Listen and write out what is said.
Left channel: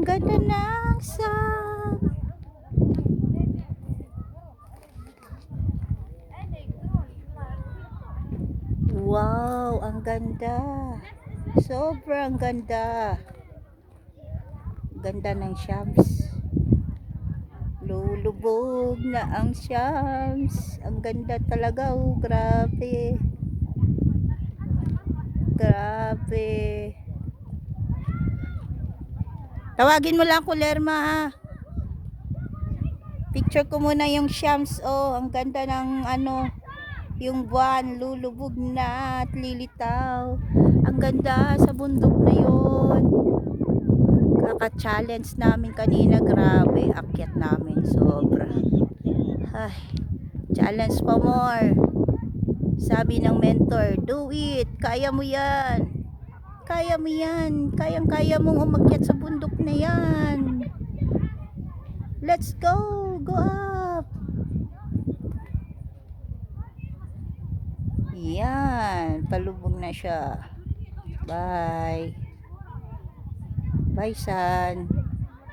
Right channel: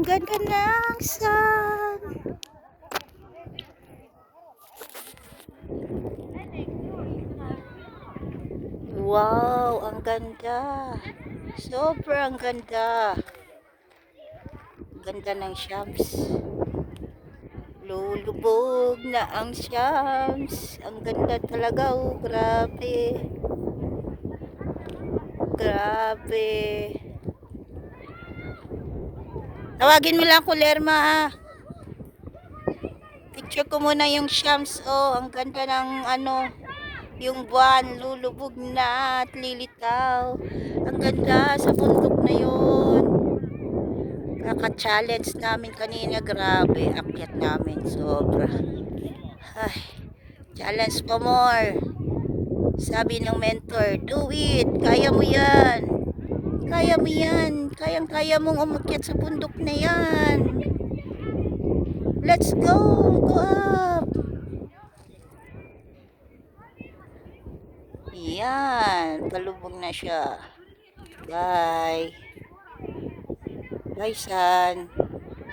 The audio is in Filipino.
Ang ganda ng sun. Wow, ang ganda. Sobrang ganda. Ganda ng Shams. Lulubog na ang Shams. Ang ganda talaga, oh, grabe. Grabe. Tawagin mo lang Kulerma, ha. Picture ko muna yung Shams, oh. Ang ganda ng ano, yung buwan lulubog na at lilitaw. Ang ganda sa bundok na yun. Kaka-challenge namin kanina, grabe. Akyat namin, sobra. Ay, challenge pa more. Sabi ng mentor, do it. Kaya mo yan. Kaya mo yan. Kayang-kaya mong umakyat sa bundok na yan. Let's go. Go up. Yan. Palubog na siya. Bye. Bye, son.